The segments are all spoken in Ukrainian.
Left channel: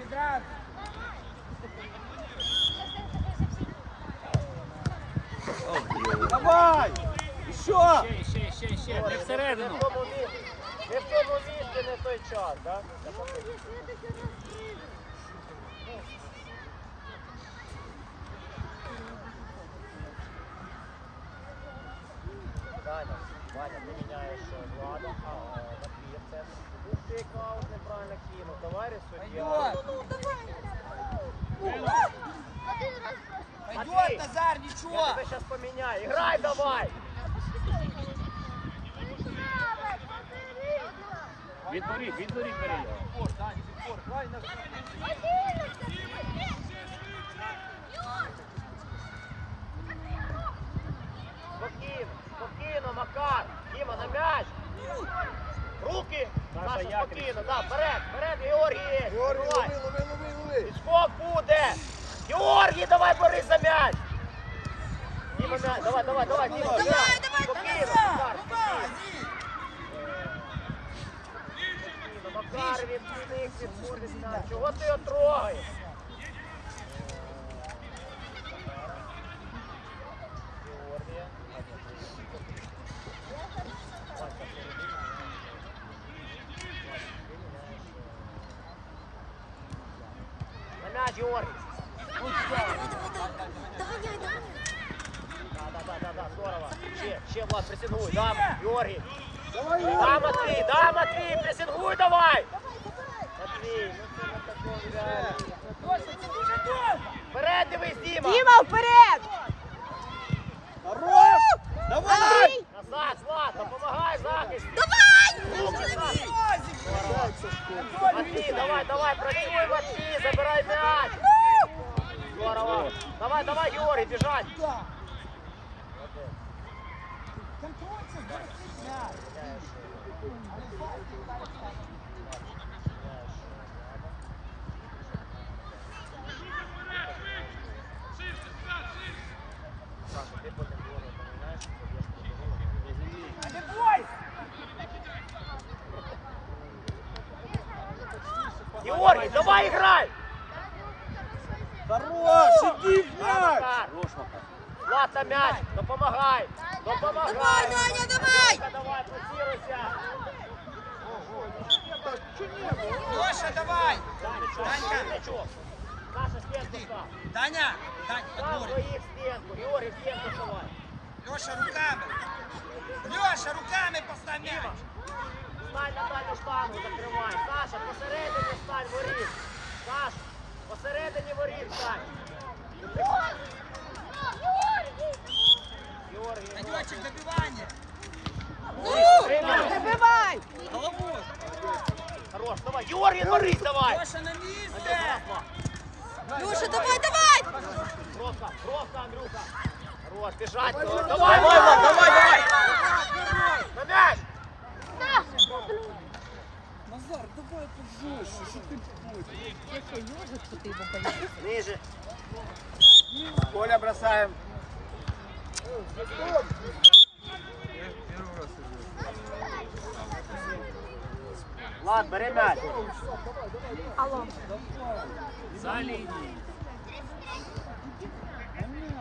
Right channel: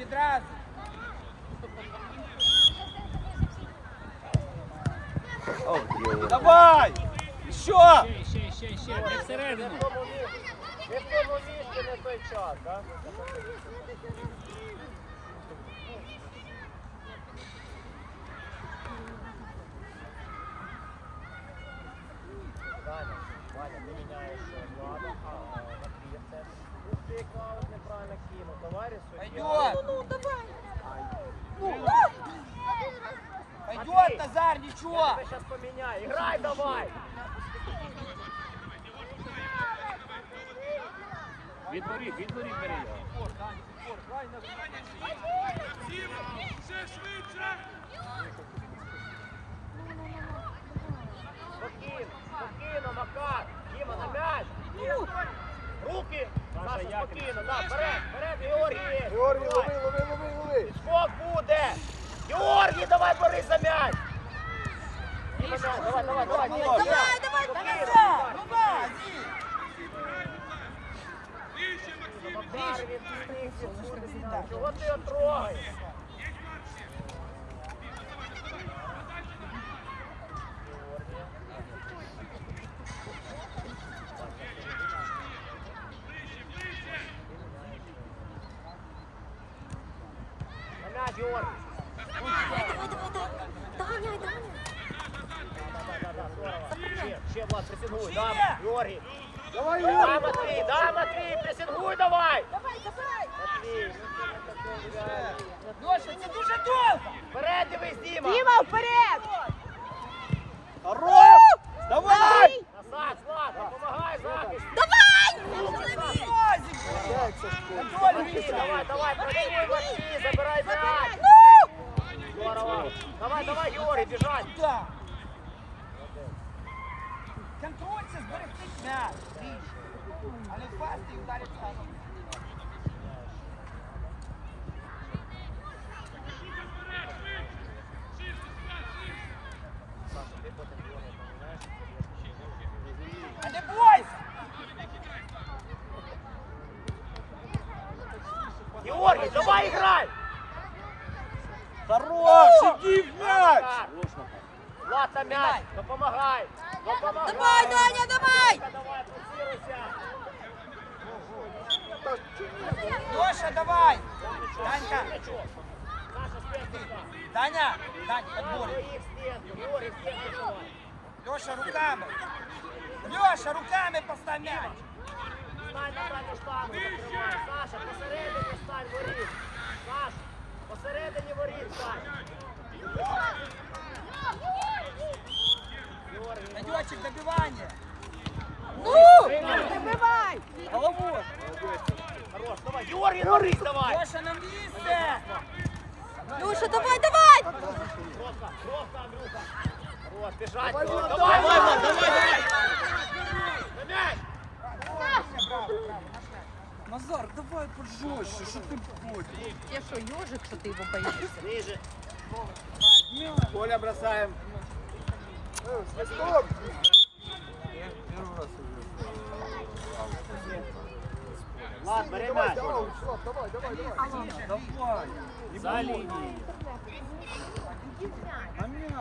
відразу. Давай! Що? Ще, ще, ще, ще, не всередину. Не в тому місці, не в той час, так? Ваня, Ваня, ти міняєш влада, а Матвія в центрі. Тут ти Клаус неправильно кинув. Товариш суддя. Пойдет! Пойдет, Назар, Я ничего! тебе зараз поміняю. Іграй давай! Відборі, відборі, бери його. Спокійно, спокійно, Макар. Діма, на м'яч. Руки. Саша, спокійно, да, вперед, вперед, Георгій. Георгій, Давай. лови, лови, лови, лови. Підскок буде. Георгій, давай бери за м'яч. Діма, м'яч, давай, давай, давай, Діма, Давай, м'яч. давай, Спокійно, давай, Макар, давай. Макар, відпустив, відпустив. Чого ти його трогаєш? Георгій. На м'яч, Георгій. Да-да-да, здорово. Ще, Влад, пресингуй, да, Георгій. Да, Матвій, да, Матвій, пресингуй давай. Матвій, вперед дивись, Діма. Діма, вперед! Хорош! Давай! Назад, Влад, допомагай захист. Давай! Матвій, давай, давай, працюй, Матвій, забирай м'яч. Здорово. Давай, давай, Георгій, біжать. Да. Контрольцы, сберегите мяч. Але пасти и ударить в кашу. А не бойся! Георгій, давай грай. Хорош! Іди в м'яч! На м'яч, допомагай. Допомагай. Давай, Даня, давай! Давай. Леша, давай! Стенку. Георгій, стенку давай. Леша, руками! Леша, руками поставь мяч! Саша, посередині стань, воріт. Саша, посередині воріт стань. Георгій, Пойдетчик, добивание! приймай. Забивай! Головой! Хорош, давай. Георгій, воріт давай. Леша на месте! Люша, давай, давай! Кровка, кровка, Андрюха. Хорош, біжать. Давай, Вова, давай, давай. На м'яч. Назар, давай пожестче, що ти ходиш? Я що, ежик, то ти його боїшся? Ниже. Коля, бросаем. Влад, бери м'яч. Давай. За лінією.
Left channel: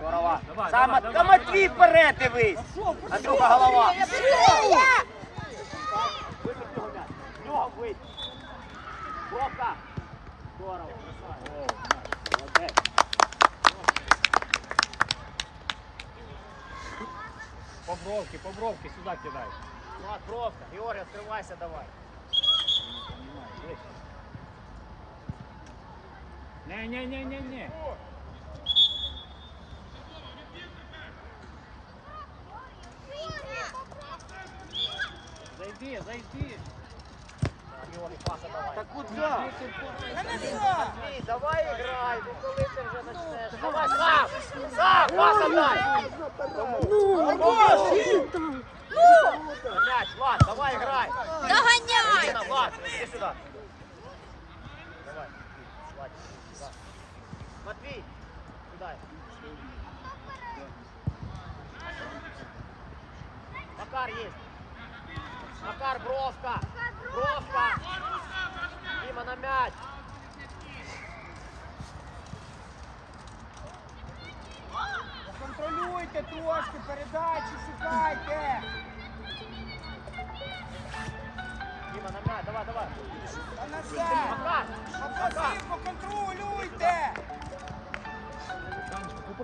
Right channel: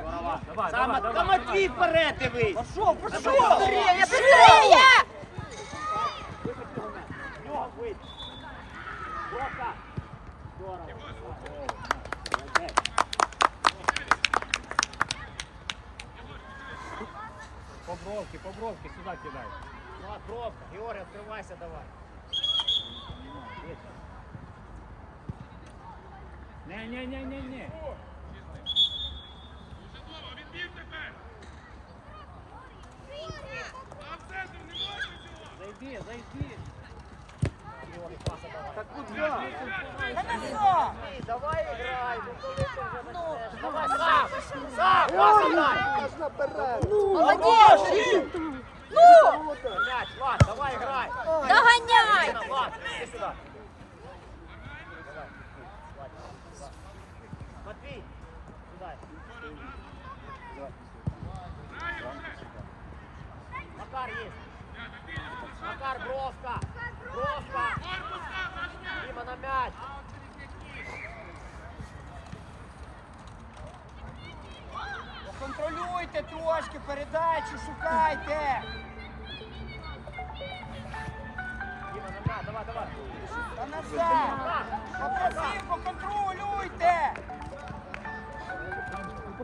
Здорово. Давай, Саме давай, та давай, Матвій давай, вперед дивись. То голова. Быстрее! Кровка. Здорово. По бровки, по бровки, сюди кидай. Влад, кровка. Георгій, відкривайся давай. Не-не-не-не-не. Зайди, зайди. Так куда? Давай грай. Ну коли ти вже почнеш? Давай сам. Сам, паса дай. Молодець! На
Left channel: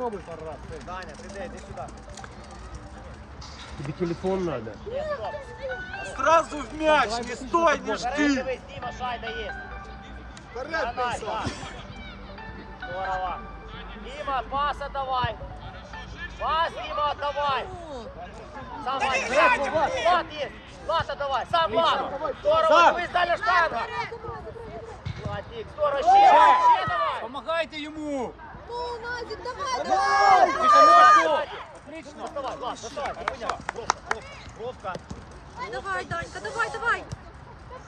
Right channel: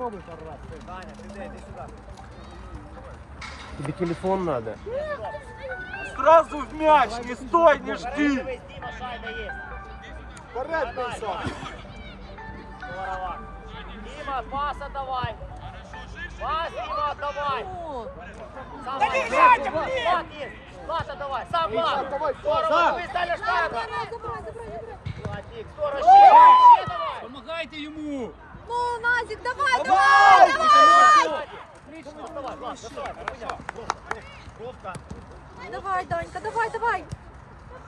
Попробуй пару раз. Даня, сиди, іди сюди. Тебе телефон надо. Сразу в мяч, не стой, не жди. Дивись, Діма, шайба є. Вперед назад. Здорово. Діма, паса давай. Пас, Діма, давай. Сам Та не Влад. грайте, Влад, блін! Влад є. Влада, давай. Сам Влад. Здорово, дивись, далі штанга. Владик, здорово, ще. Ще давай. Помагайте йому! Ну, Назик, давай, давай, давай. Давай, Данька, давай, давай.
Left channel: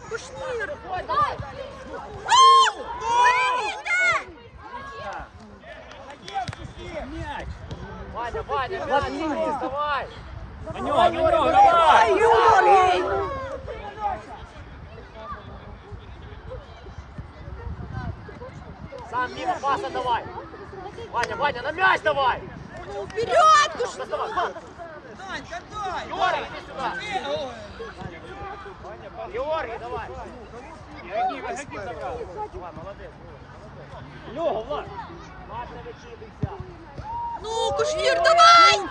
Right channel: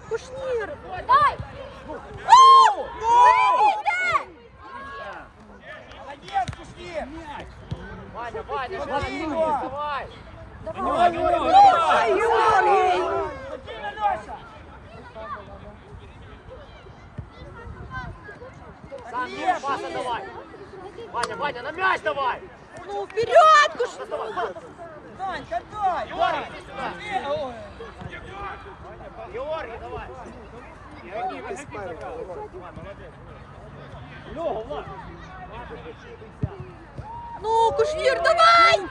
Кушнір. Дай. Молодець, пішли. Ваня, Ваня, давай. На нього, на нього, давай! Сам Діма, паса давай. Ваня, Ваня, на м'яч давай. Ну, вперед, Кушнір. Доставай, Влад. Данька, дай. Георгий, иди сюда. Георгий, давай. Гони, гони пока. Лёга, Влад. Влад, включи, Ну, Кушнір, давай.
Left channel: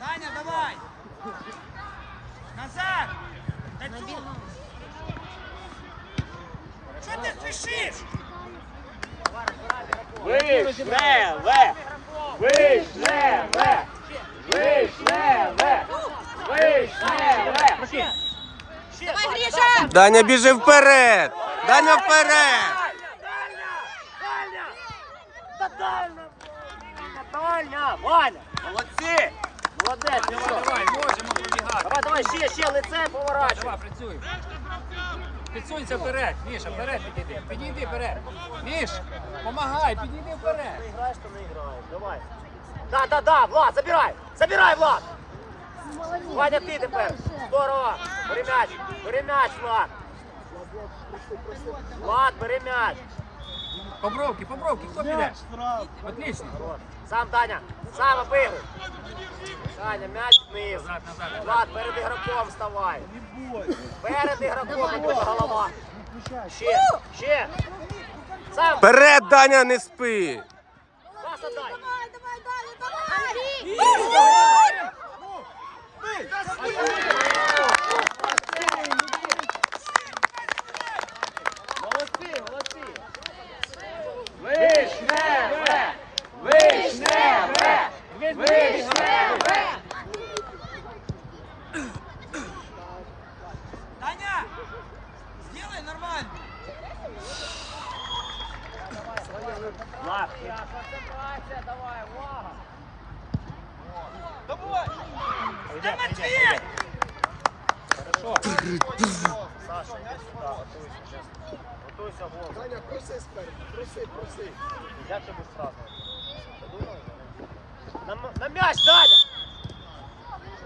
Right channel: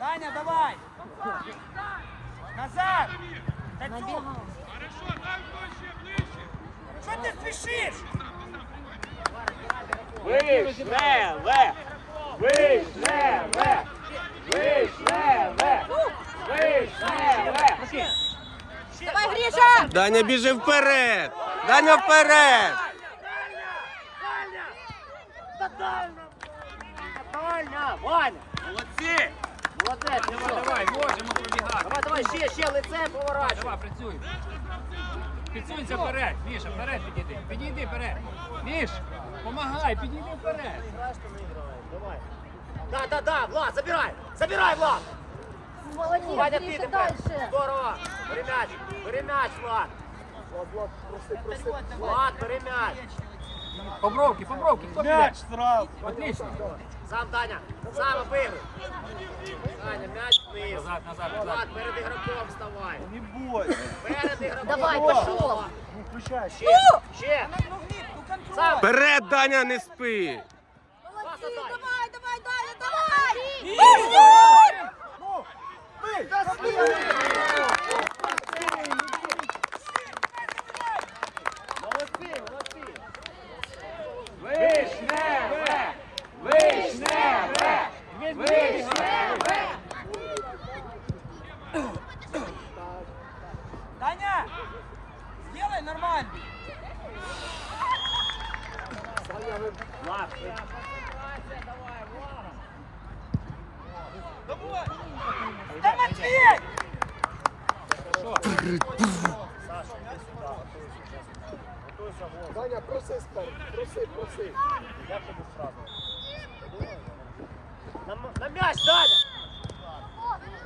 Даня, давай. Назад. Танцуй. Що ти спішиш? Вишневе! Вишневе! Вишневе! Вишневе! Давай, Гриша. Даня, біжи вперед! Даня вперед! Ваня. Молодці! Молодець, Давай, давай, можемо пробігати. Давай, давай, ще, ще Давай, поворачуй. давай, працюй. Підсунься вперед, Міша, вперед підійди. Підійди вперед. Міш, помагай, підійди вперед. Давай. Да, да, да, Влад, забирай, забирай, Влад. Ваня, ти тепер. Здорово. Бери м'яч, бери м'яч, Влад. Влад, бери м'яч. По бровки, по бровки, хто піде? Мяч сразу. Отлично. Сам Даня, сам обигруй. Даня, м'яч вниз. Назад, назад, назад. Влад, перед ігроком вставай. Не бойся. Перед ігроком. Давай, голова. Ще, ще. Сам. Вперед, Даня, не спи! Давай, давай, Даня, давай. Молодці, молодці. Вишневе! Вишневе! Вишневе! Таня, сделай нормально. Давай, увага. Давай. Да, Матвей! Саша, іди сюди, готуйся. Готуйся, Вова. Даня, проси спереду, проси, проси. Як тобі сразу? На, на м'яч, Даня!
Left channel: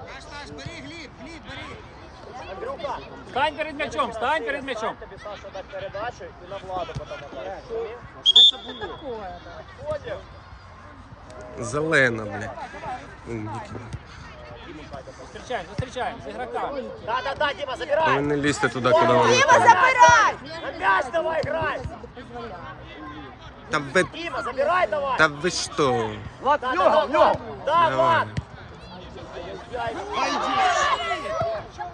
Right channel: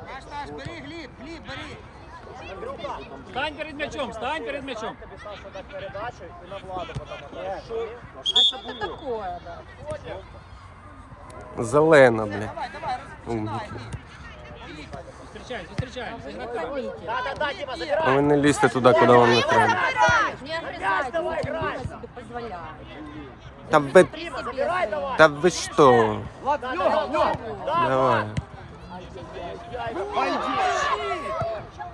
Наш, наш, бери, Гліб, Гліб, бери. Андрюха, Стань перед м'ячом, стань перед м'ячом. тобі Саша дати передачу і на владу. Зелена, бля. Умники. Зустрічаємо, зустрічаємо з ігроками. Да, да, да, Дима, А забирай. ви не лізьте туди, куди вам не треба. Та ви, Дима, забирай давай. та ви що? Влад, в нього, в нього. Да, Давай.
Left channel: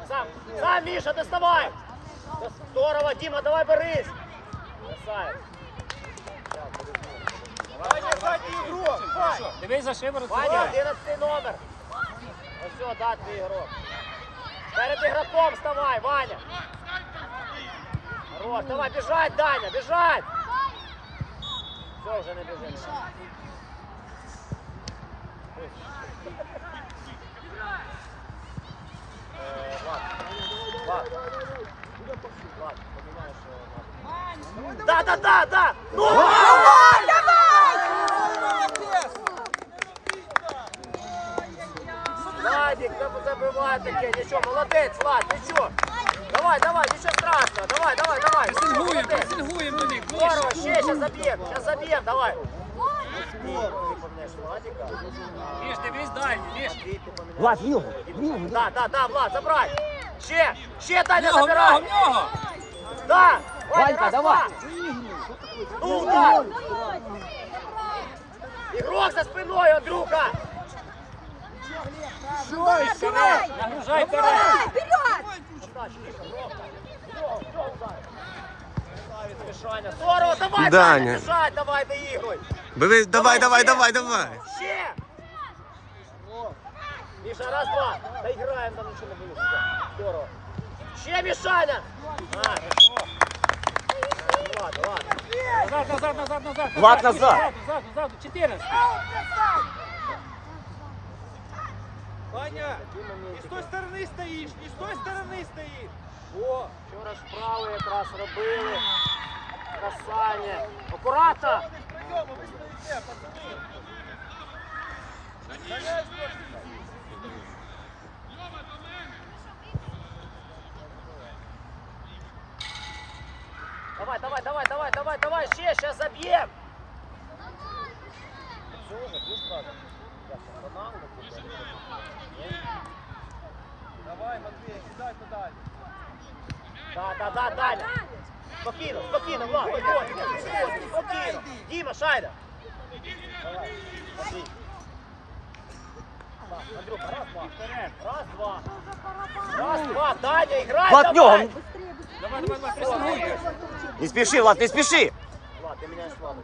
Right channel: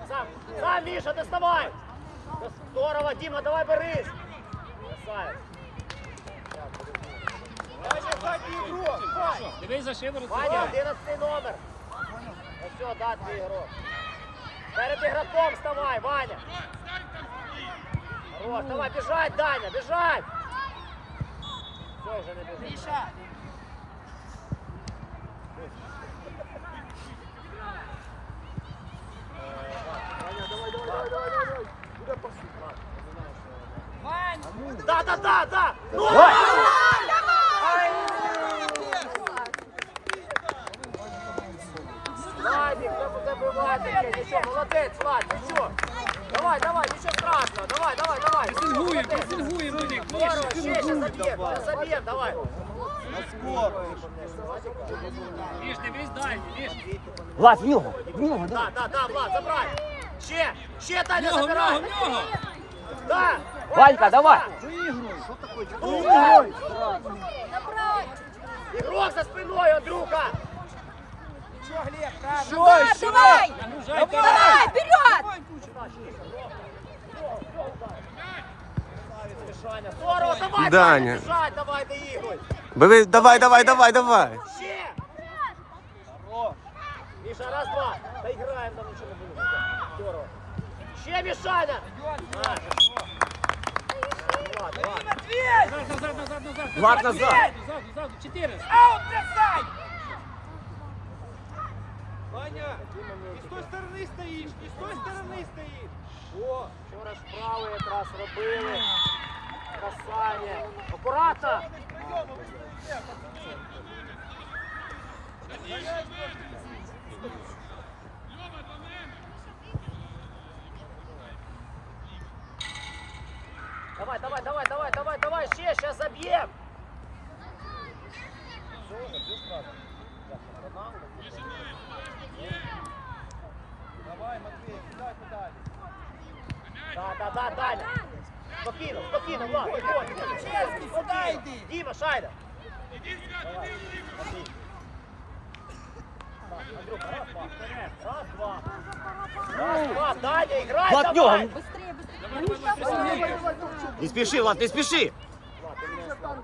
Сам, сам, Миша, доставай. Здорово, Дима, давай борись. Красавец. Дивись за шиворот. Ваня, 11 номер. Ну все, да, твій ігрок. Перед ігроком вставай, Ваня. Хорош, давай, бежать, Даня, бежать. Все, вже не біжить. Да, да, да, да. Ну, Владик? Нічого, молодець, Влад, нічого. Давай, давай, нічого страшного. Давай, давай, давай. Пресингуємо, Молодець. пресингуємо до них. Здорово, ще, ще заб'єм, ще заб'єм, давай. Міш, дивись дальній, Міш. Влад, в нього. В нього, да. Да, да, да, Влад, забрай. Ще, ще В Даня нього, в нього, забирай. в нього. Да. Ванька, давай. Друга. Ігрок за спиною, Андрюха. Все, Давай, ще давай. раз. Нагружай вперед. Давай, вперед! Здорово, Даня. Бежать, давай, доігруй. Бери, давай, давай, давай, давай. Ще. Міша, раз, два. Доіграємо, там нічого не буде. Здорово. Ще, Мішаня. А. Влад, давай. Назад, назад, назад, назад. Влад, назад. Назад, назад, 14. Ваня, не с той стороны стоишь, не с той стороны стоишь. О, вчора справи якраз робили. Касання. Акуратно. Давай, давай, давай, давай, давай, давай, ще, ще заб'єм. Да, да, да, Даня. Спокійно, спокійно, Влад, виходь. Спокійно. Діма, Шайда. Раз, два. Раз, два, Даня, играй Влад, в нього. давай. Давай, давай, давай, три секунди. Не спіши, Влад, не спіши. Влад, ты меня слава.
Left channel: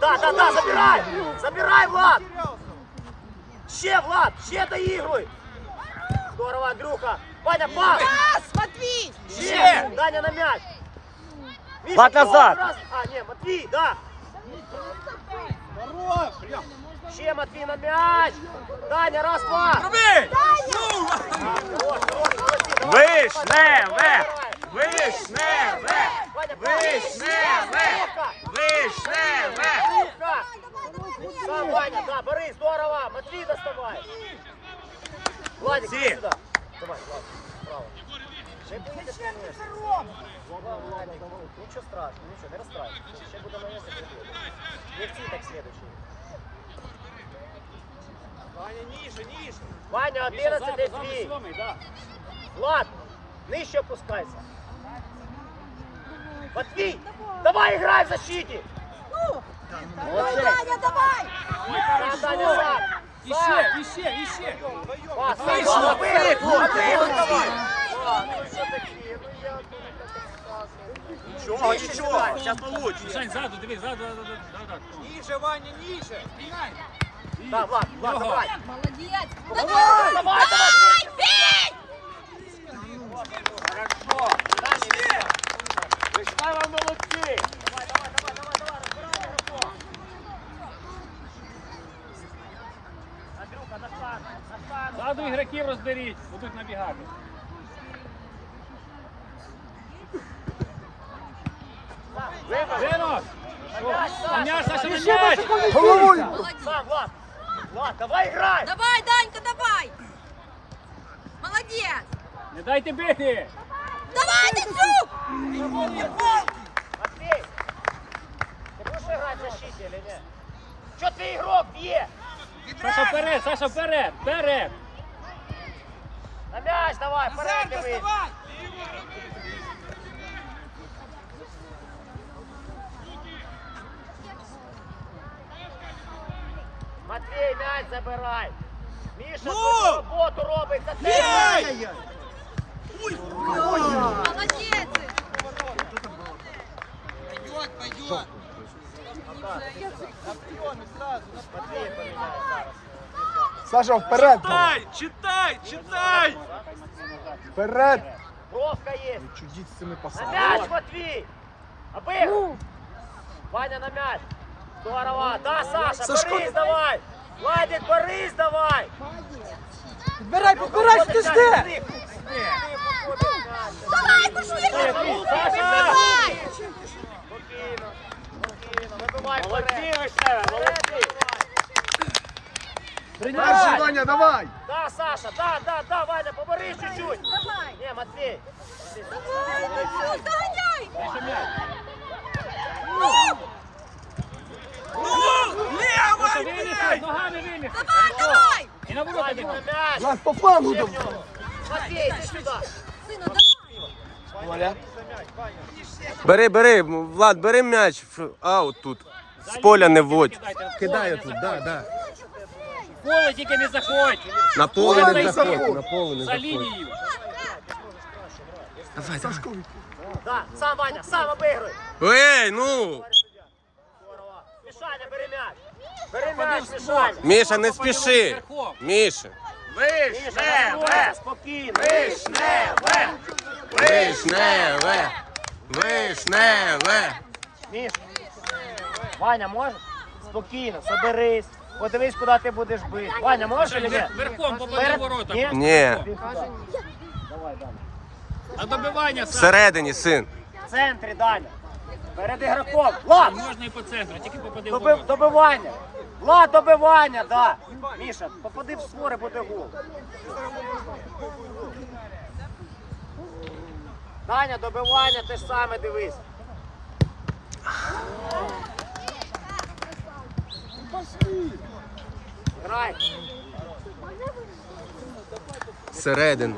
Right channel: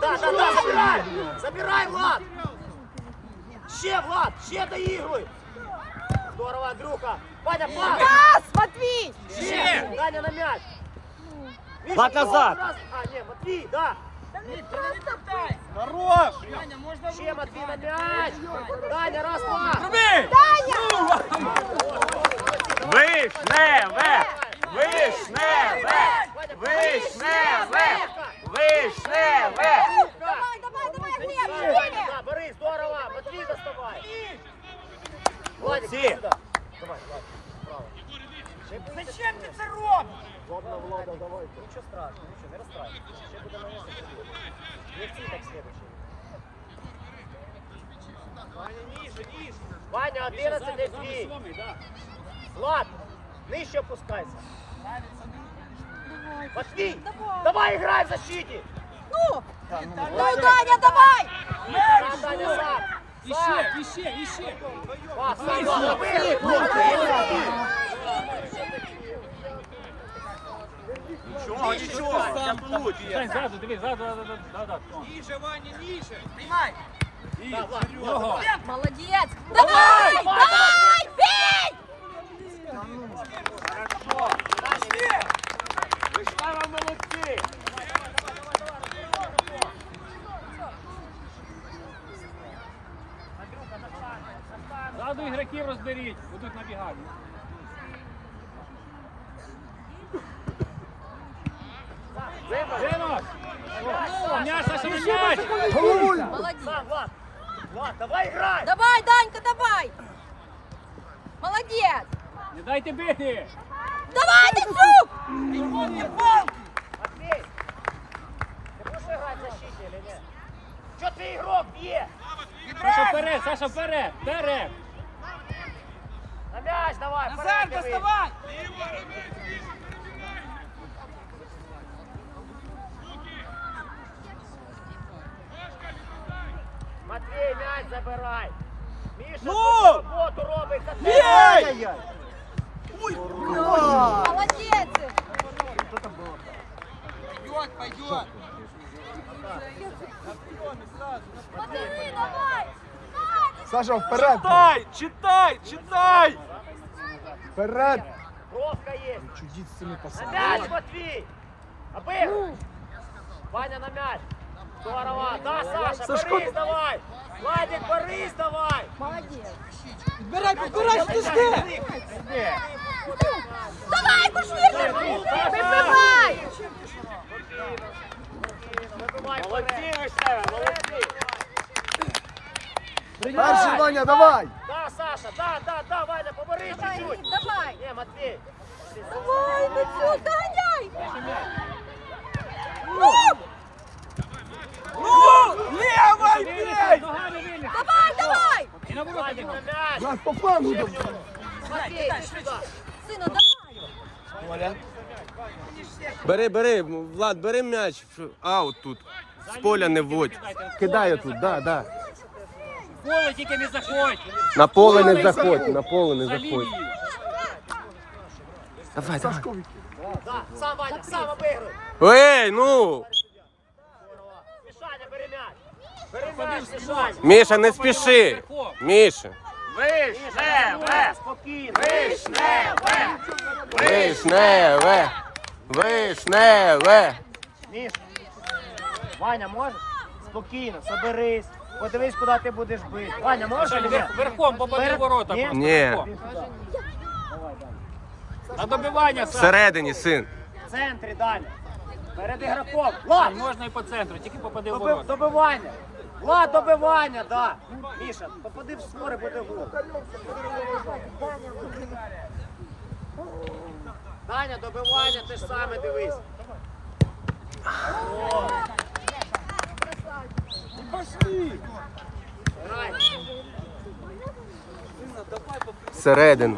Да, да, да, забирай! Забирай, Влад! Ще, Влад, ще доігруй! Здорово, Андрюха! Ваня, пас! Пас, Матвій! Ще! Влад, назад! А, не, Матвей, да! Хорош! Ще, Матвей, на мяч! Даня, раз, два! Пробий! Ну, Вишневе! Вишневе! Вишневе! Вишневе! Давай, Борис, здорово! Матвей, доставай! Владик. иди сюда. Давай, Влад. Зачем ти це робиш? Ничего страшного, ничего, не расстраивайся. Ще буде на місці. Не в цій, так следующий. Ваня, ніже, ніже. Ваня, 11 Ззаду, для ззаду дві. сьомий, да. Влад, нижче опускайся. Матвей, давай играй в защите. Давай, Даня, давай! А, Даня, сам. Іще, іще, іще. Пас, Вийшло. сам. Вийшло. Нічого, нічого. Зараз получше. Сань, ззаду, дивись, ззаду, ззаду, ззаду, ззаду. Ніже, Ваня, ніже. Приймай. Да, Влад, Влад, Його. давай. Молодець! Давай! Бей! Бей! Ззаду ігроків розберіть, будуть набігати. Влад, давай играй. Давай, Данька, давай! Молодець! Не дайте бити! Давай, Дацюк! Матвей, ты будешь играть в защите или нет? Ты игрок бье? Саша вперед, Саша вперед, вперед! На мяч давай, Назар, вперед доставай. Матвей, мяч забирай. Міша, Ну! роботу робить за тебе. Бей! Молодець! Пойдет, пойдет. Саша, вперед! Читай, читай, читай. Вперед! Бровка есть. Чудіть з цими На пасами. мяч, Матвей. Обыг. Ваня на мяч. Здорово. Да, Саша, Сашко, Борис давай. Владик, Борис давай. Підбирай, підбирай, ти жди. Давай, пошли! Саша! Вибивай. Перший Ваня, давай! Да, Саша, да, да, да, Ваня, побори чуть-чуть. Давай! Не, Матвей. Давай, Дацюк, Даня! Ну, лево! Давай, Віліса, ногами Віліса. Давай, давай! І на ворота йди. Нас по флангу там. Бери, бери, Влад, бери м'яч. Ф- Аут тут. З поля не вводь. Кидай тут, да, да. Поле тільки не заходь. На поле не заходь, на поле не За заходь. лінію. Давай, давай. Сашко від- Да, сам Ваня, сам обігруй. Ей, ну! Мішаня, бери м'яч. Бери м'яч, Мішаня. Міша, не спіши. Міша. Вишневе! Спокійно. Вишневе! Вишневе. Вишневе. Міш, Ваня, можеш? Спокійно, соберись. Подивись, куди ти будеш бити. Ваня, можеш чи ні? Верхом попади в ворота. Ні? Ні. На добивання, Саш. Всередині, син. В центрі, Даня. Перед ігроком. Влад, Можна і по центру, тільки попади в доби- ворота. добивання. Влад, добивання, да. Міша, попади в створи, буде гол. Даня, добивання, те ж саме дивись. Грай. Всередину.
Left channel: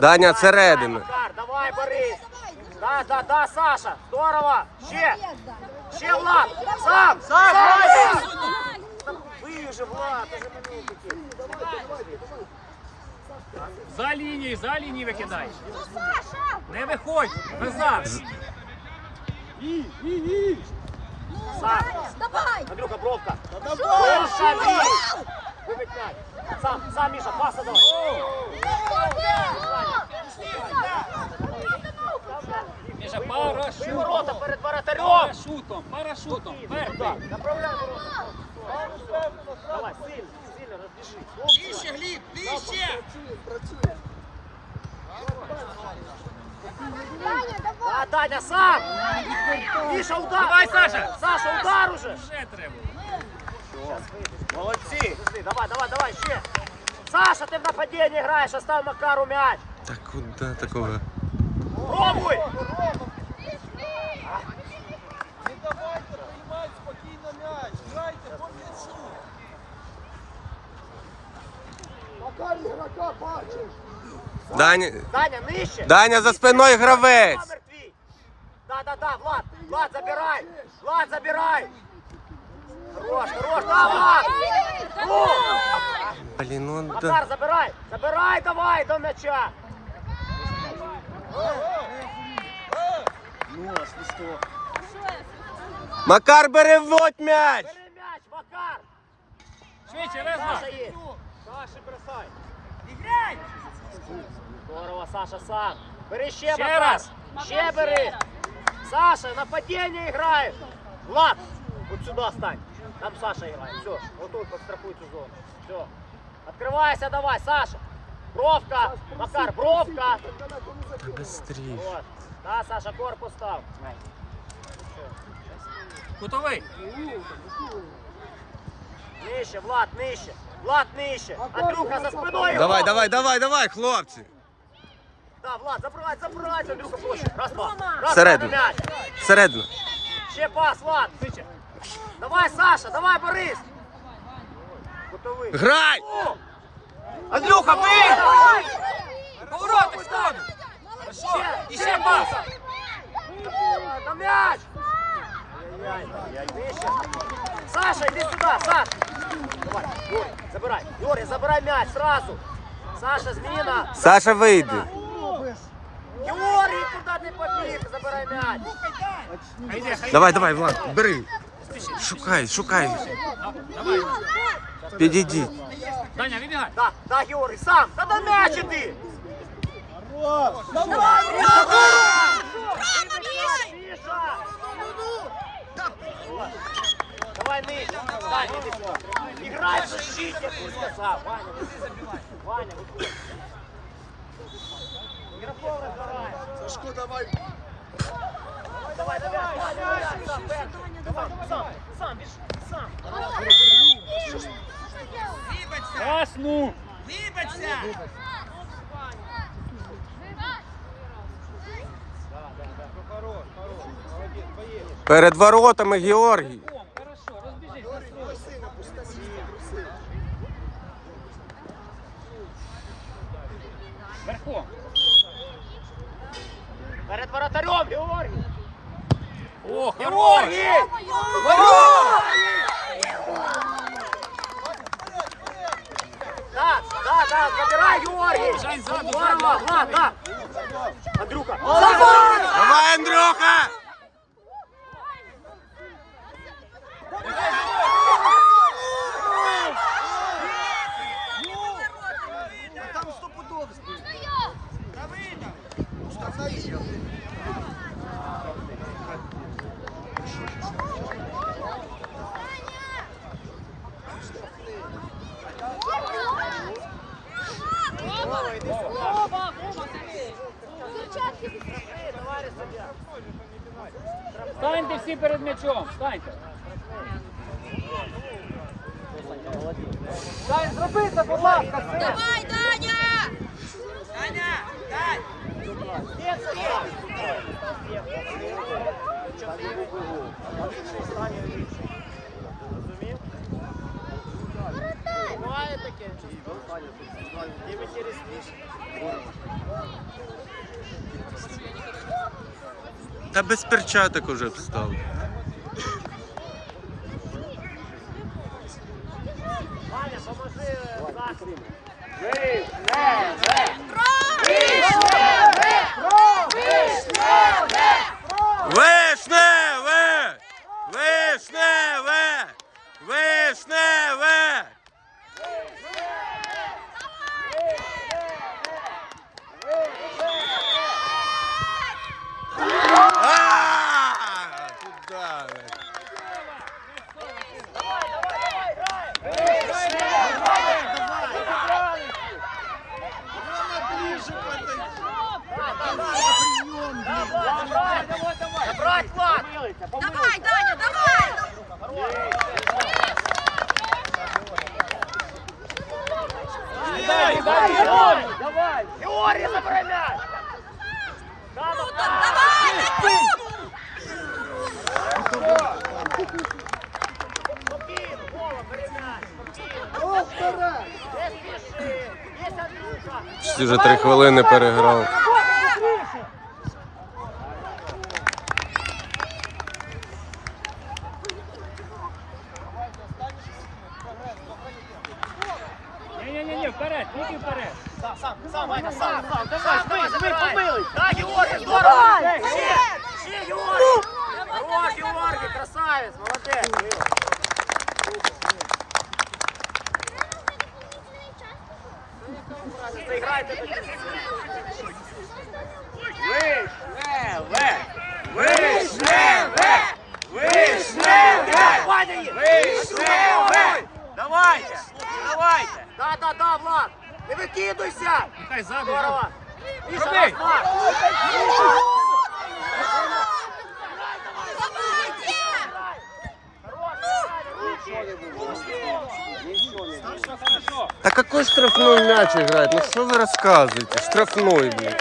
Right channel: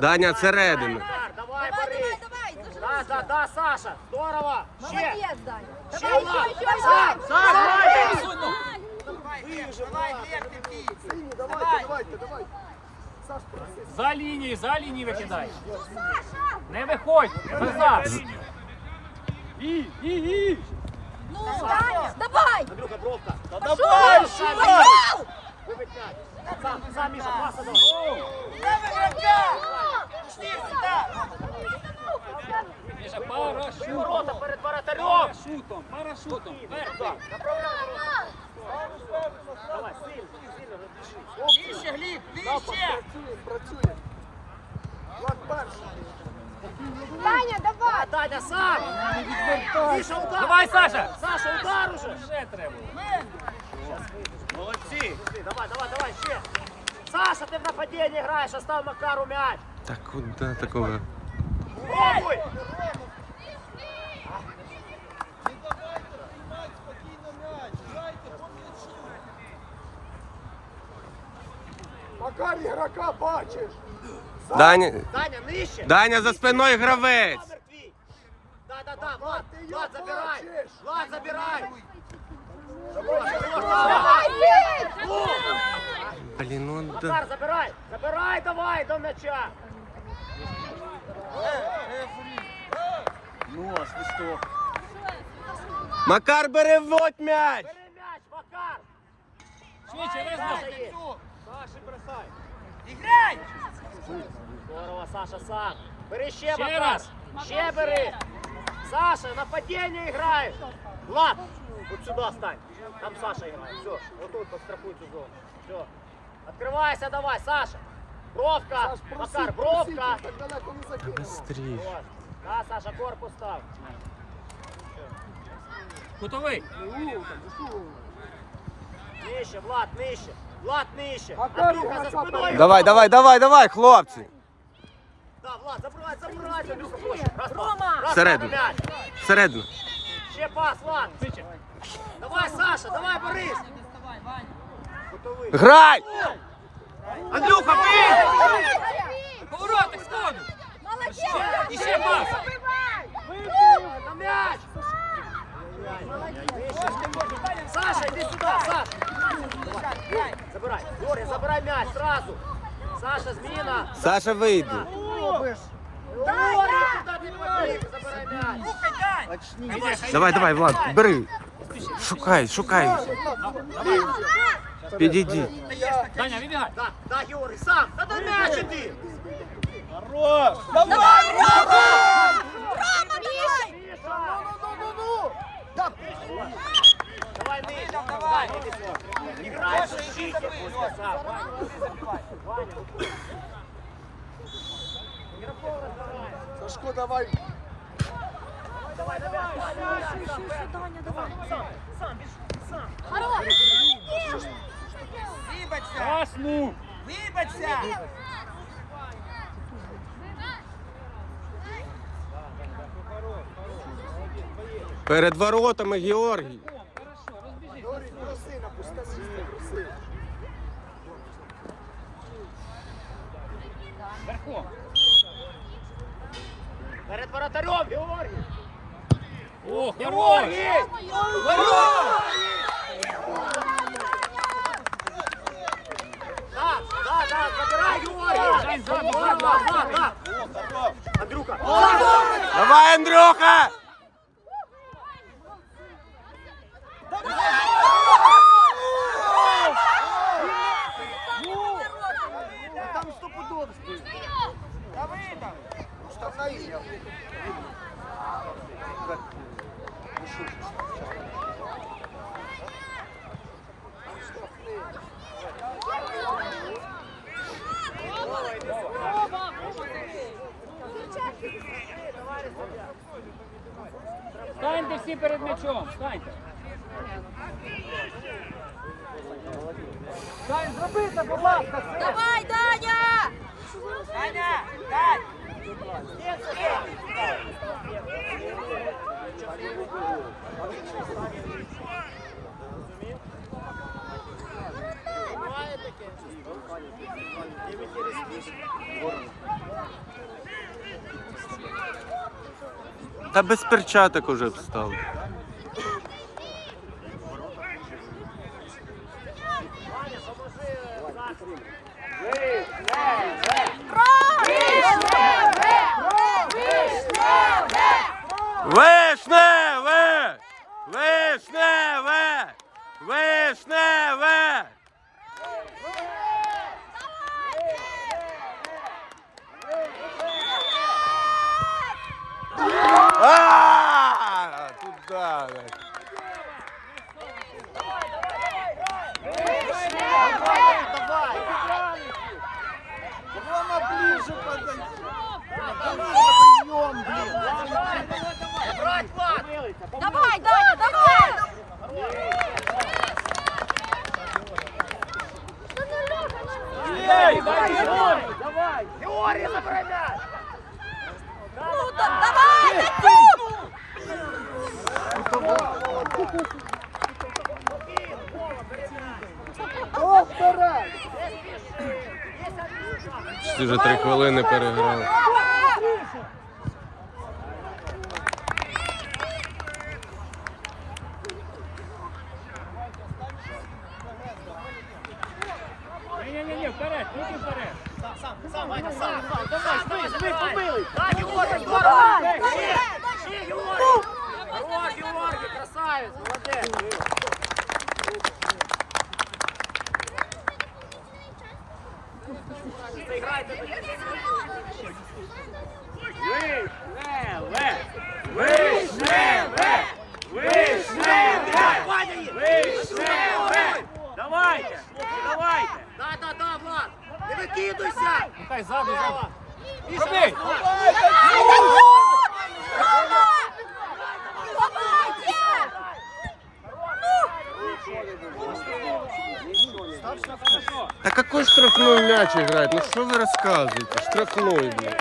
Даня, всередину. Удар, давай, Борис. Да, да, да, Саша. Здорово. Ще. Ще Влад. Сам. Сам. За лінією, за лінією викидай. Не виходь, назад. Давай! Андрюха, бровка. Давай! М'яч. Сам, сам, Міша, паса вверх. Давай, Саша. Саша, удар уже. Ще треба. Молодці. Давай, давай, давай, ще. Саша, ти в нападінні граєш, остав Макару м'яч. Так куди такого? Пробуй. Макар ігрока бачиш. Даня, Даня, нижче. Даня за спиною гравець. Номер твій. Да, да, да, Влад, Влад, забирай. Влад, забирай. Блін, ну да. Макар, забирай. Забирай, давай, до м'яча. Макар бери вводь м'яч. Бери м'яч, Макар. Швидше, резно. Саша є. Саша, бросай. Іграй! Здорово, Саша, сам. Бери ще, Ще Макар. раз. Ще бери. Саша, нападение играешь. Влад, вот сюда стань. Там Саша играет. Все, вот тут подстрахуй эту зону. Все. Открывайся давай, Саша. Бровка. Макар, бровка. Та быстріше. Да, Саша, корпус став. Кутовий. Нижче, Влад, нижче. Влад, нижче. Андрюха за спиною. Давай, давай, давай, давай, хлопці. Да, Влад, забирай, забирай. Андрюха, проще. Раз, два. Раз, Всередину. два, мяч. Всередину. Ще пас, Влад. Давай, Саша, давай, Борис. Готовий. Грай! Андрюха, бий! Поворотик, сходу. Хорошо. І ще пас. На мяч! Саша, иди сюда, Саша! Давай, забирай. Юрий, забирай мяч сразу. Саша, зміна. Саша вийде. Юрий, куда ты побіг? Забирай мяч. Хай йде, хай Давай, йде. давай, Влад, бери. Шукай, шукай. Давай. Підійди. Даня, вибігай. Да, да, Юрий, сам. Да на мяч иди. Миша! Давай, Миша, Ваня, иди сюда. Играй в защите, просто сам. Ваня, Ваня. Игроков разбирай. Сашко, давай. Давай, давай, Перед воротами Георгій. Перед воротарем, Георгій! О, хорош! Да, да, да, забирай, Георгій! Жень, ззаду, ззаду. Да, да, да. Андрюха! Давай, Андрюха! А там стопудов збив. Штрафаї. Станьте всі перед м'ячом, станьте. Дай зробити, будь ласка, все. Давай, Даня! Та без перчаток уже встав. Вишневе! Вишневе! Вишневе! Брать, Влад! Давай, Даня, давай! Георгій, забирай м'яч! Круто, давай, Дацю! Ти вже три хвилини переграв. Ні-ні-ні, вперед, тільки вперед. Дай, Георгій, здорово! Ще, ще, Георгій! О, Георгій, красавець, молодець! Заіграйте тоді. Вишневе! Вишневе! Вишневе! Вишневе! Давайте! Давайте! Да, да, да, Влад! Не викидуйся! Нехай ззаду, ззаду. Роби! Да какой штрафной мяч играет? Ну что вы рассказываете? Штрафной, блин.